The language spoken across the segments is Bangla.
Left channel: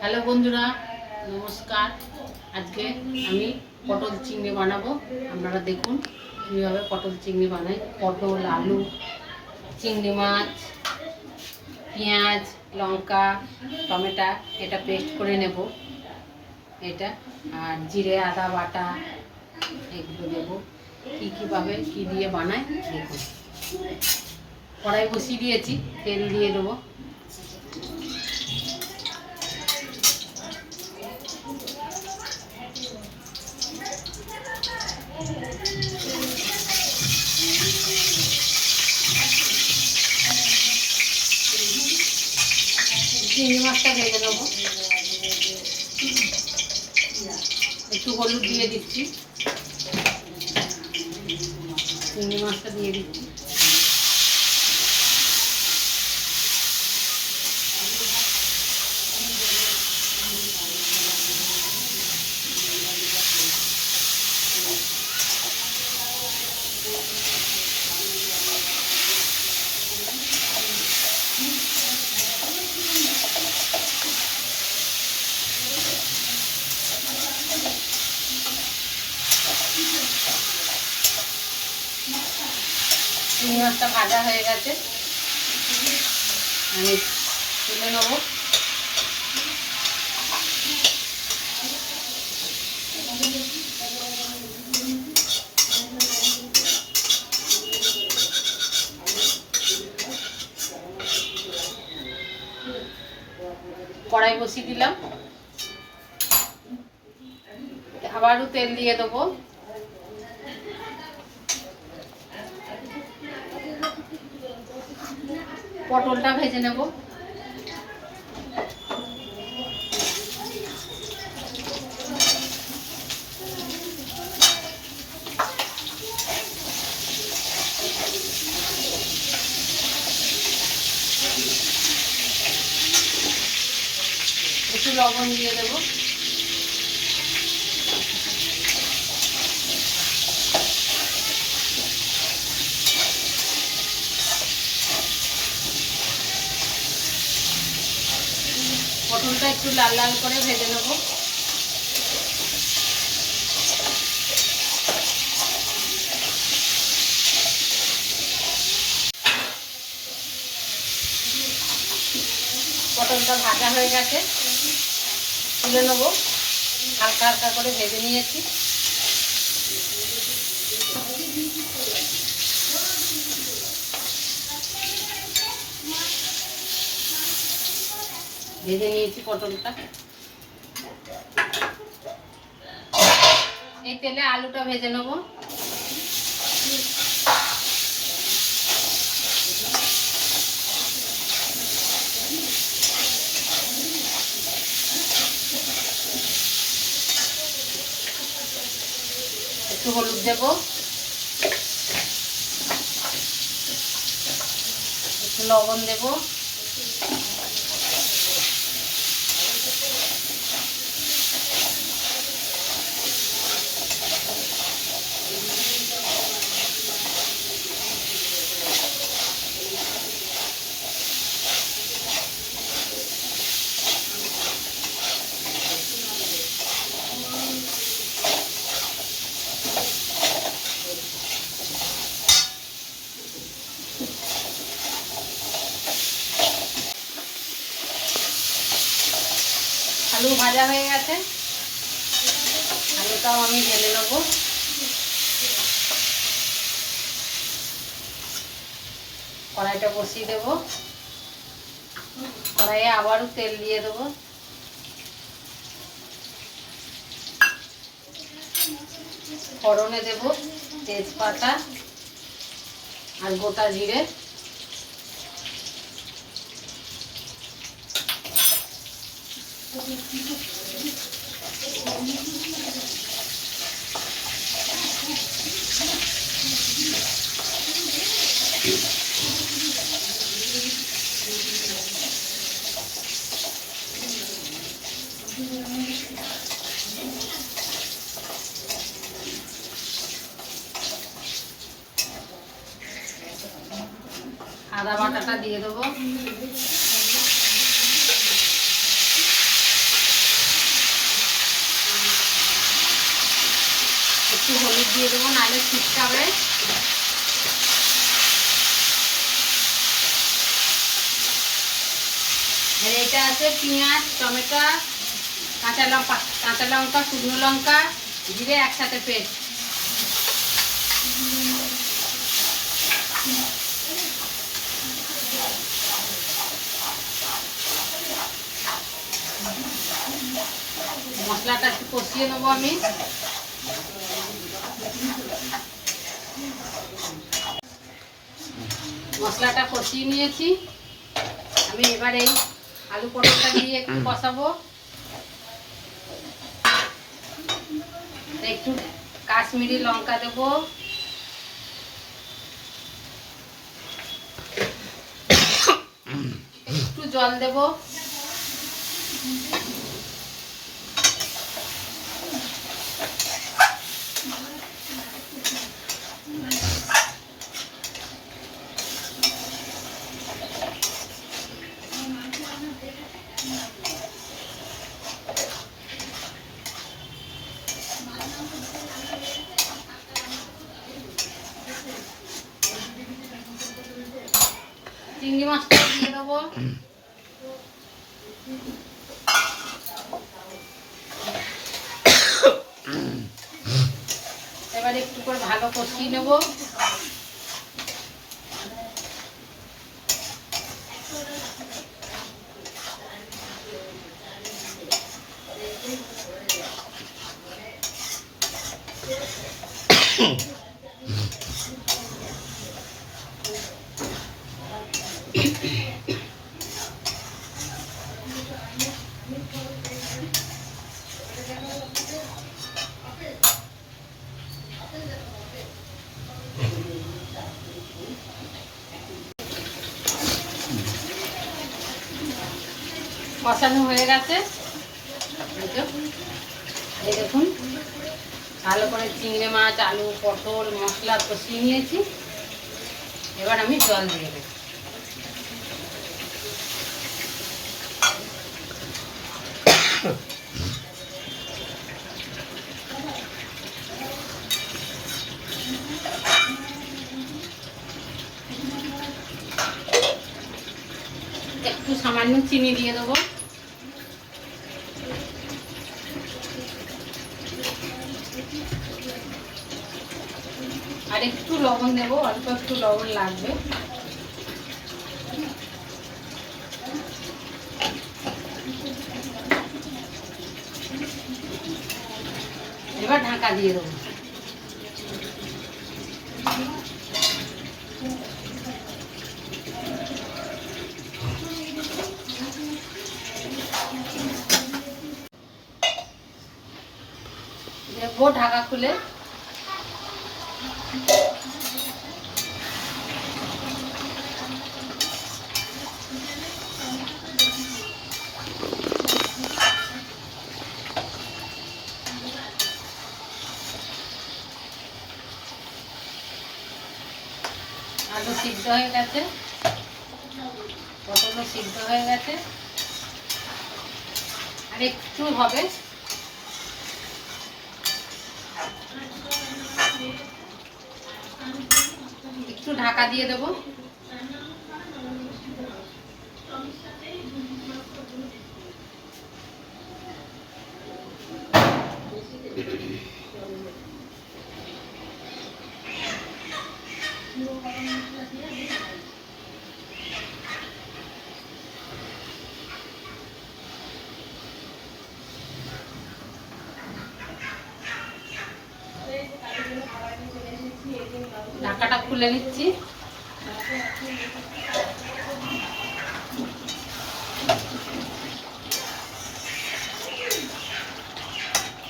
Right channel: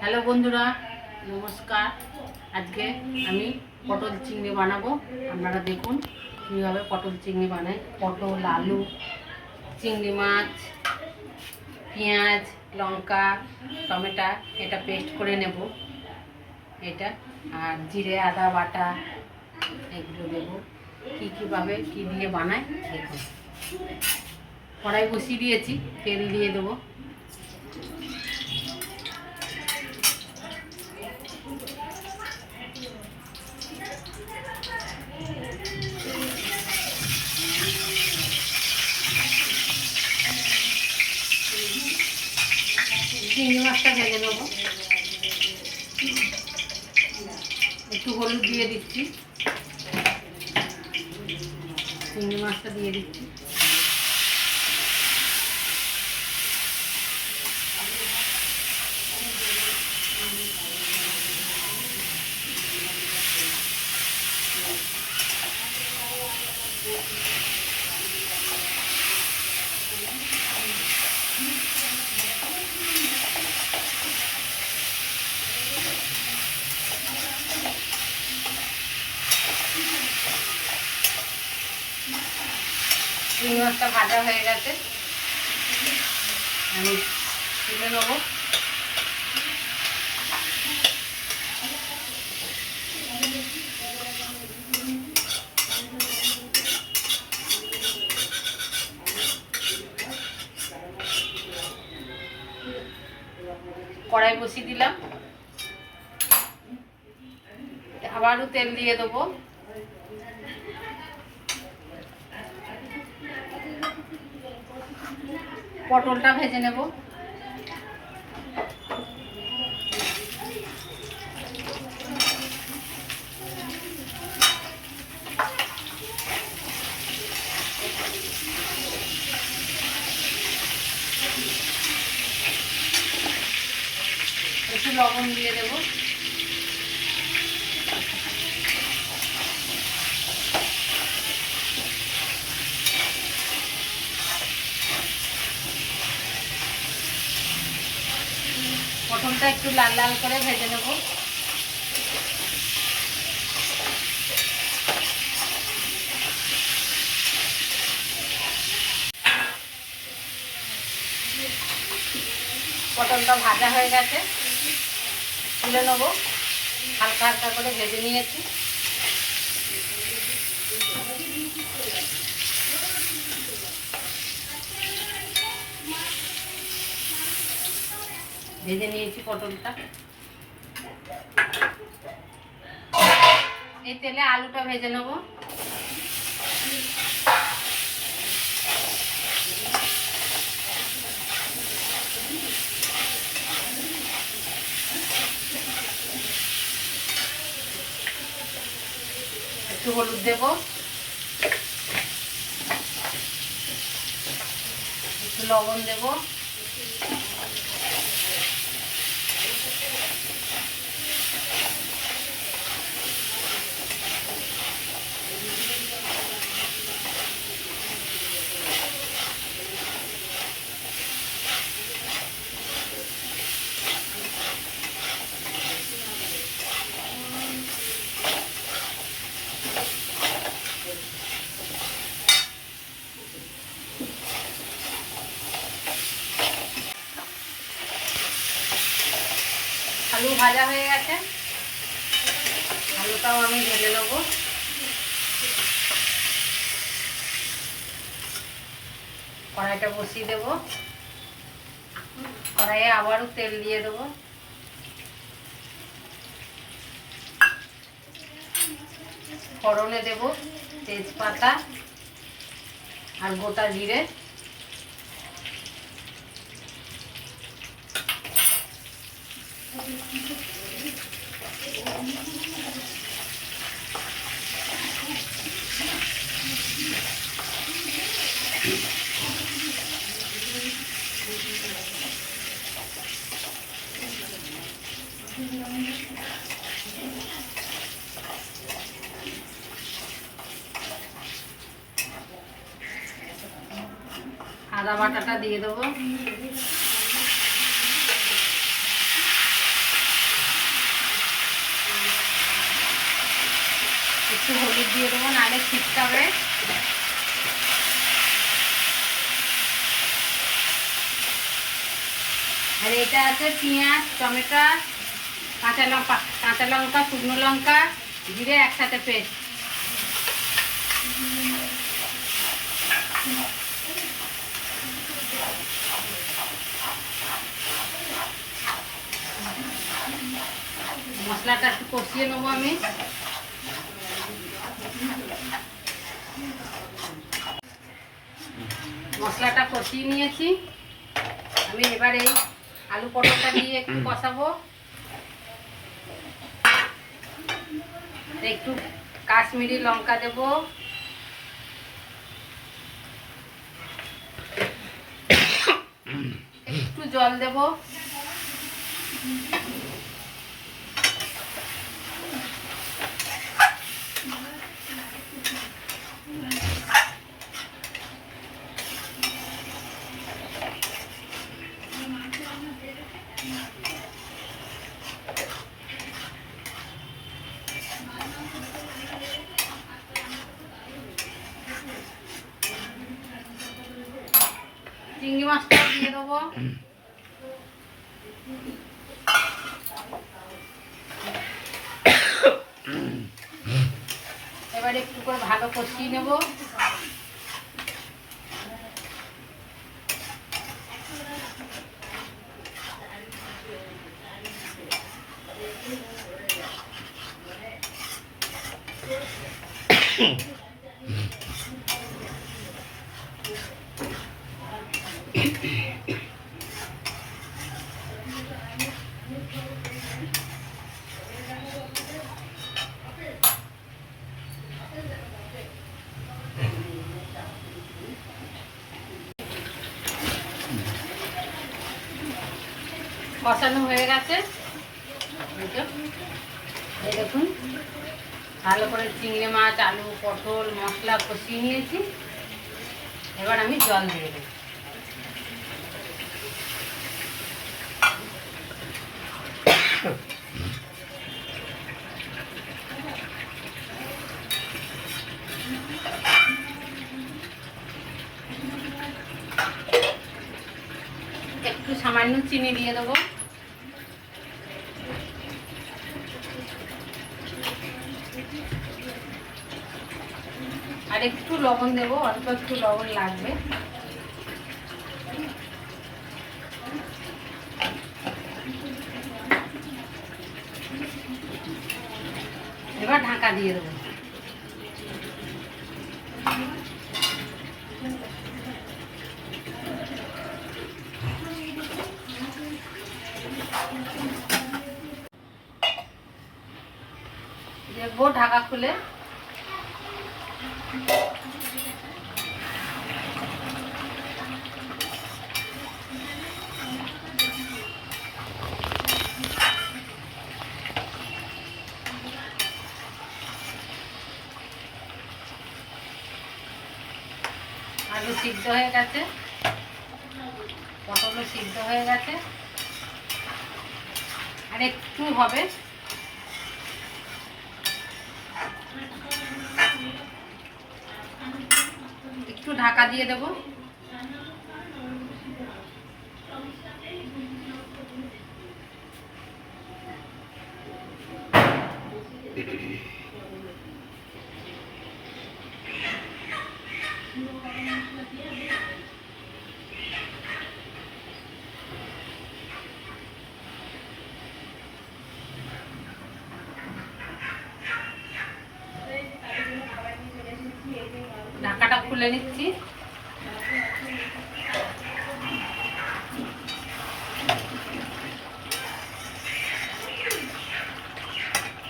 হ্যালো বন্ধুরা, নমস্কার। আজকে আমি পটল চিংড়ি বানাবো। আপনারা দেখুন কীভাবে পটল চিংড়ি বানাই। পটল, আলু, চিংড়ি মাছ, পেঁয়াজ, লঙ্কা, টমেটো এটা পেস্ট করে নেব। এটা আর জিরে আদা বাটা এগুলো দেবো। কীভাবে কী দিয়ে বানাই দেখুন। কড়াই বসিয়ে দিয়েছি, তেল দিয়ে দেবো। চিংড়ি মাছটা ভেজে নেবো। একটু হলুদ দিয়ে দিচ্ছি, চিংড়ি মাছটা দিয়ে দিচ্ছি। চিংড়ি মাছটা ভাজা হয়ে গেছে, আমি তুলে নেবো। কড়াই বসিয়ে দিলাম, আবারও তেল দিয়ে দেবো। পটলটা ভেজে নেব। একটু লবণ দিয়ে দেবো। পটলটা একটু লাল লাল করে ভেজে নেব। পটলটা ভাজা হয়ে গেছে, তুলে নেব। হালকা হালকা করে ভেজে নিয়েছি। ভেজে নিয়েছি পটলটা। এই তেলে আলুটা ভেজে নেব। একটু হলুদ দেব, একটু লবণ দেব। আলু ভাজা হয়ে গেছে, আলুটাও আমি ঢেলে নেব। কড়াইটা বসিয়ে দেব। কড়াইয়ে আবারও তেল দিয়ে দেব। ফোড়নে দেব তেজপাতা আর গোটা জিরে। আদা বাটাটা দিয়ে দেবো। একটু হলুদ দিয়ে দেবো, নাহলে ছিটকাবে। আর এটা আছে পেঁয়াজ, টমেটো, কাঁচা লঙ্কা, শুকনো লঙ্কা, জিরে একসাথে পেস্ট। মশলাটা একটু কষিয়ে নেবো আমি। মশলাটা কষিয়ে নিয়েছি আমি। এবারে আলু পটলটা দিয়ে একটু কষাবো। একটু কাশ্মীরি লঙ্কা দেবো, একটু জল দেবো। চিংড়ি মাছটা দিয়ে দেবো। এবার একটু করে ভালো কষিয়ে নেব। কষানো হয়ে গেছে, এই দেখুন ভালো করে চিংড়ি মাছ, আলু, পটল মশলা কষিয়ে নিয়েছি। এবার আমি জল দিয়ে দেবো। একটু সামান্য চিনি দিয়ে দেবো। আর একটু লবণ দেবো, অল্প একটু লবণ লাগবে। এবার ঢাকা দিয়ে দেবো। দেখবো ঢাকা খুলে। আলু সিদ্ধ হয়ে গেছে, পটলও সিদ্ধ হয়ে গেছে। আর একটু হবে, একটু ঢাকা দিয়ে দেবো। ঢাকাটা খুলে নিচ্ছি।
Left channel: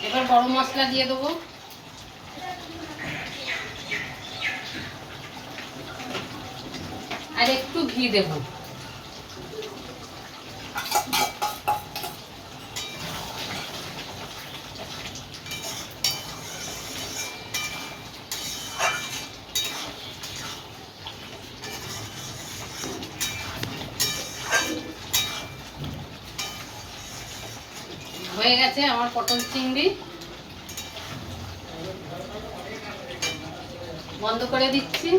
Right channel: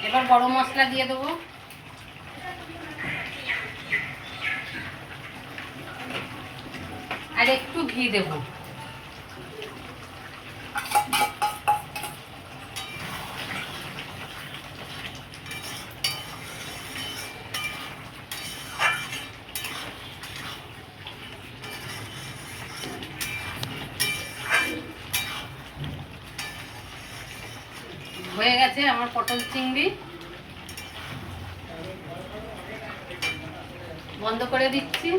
এবার গরম মশলা দিয়ে দেবো। আর একটু ঘি দেবো। হয়ে গেছে আমার পটল চিংড়ি। বন্ধ করে দিচ্ছি।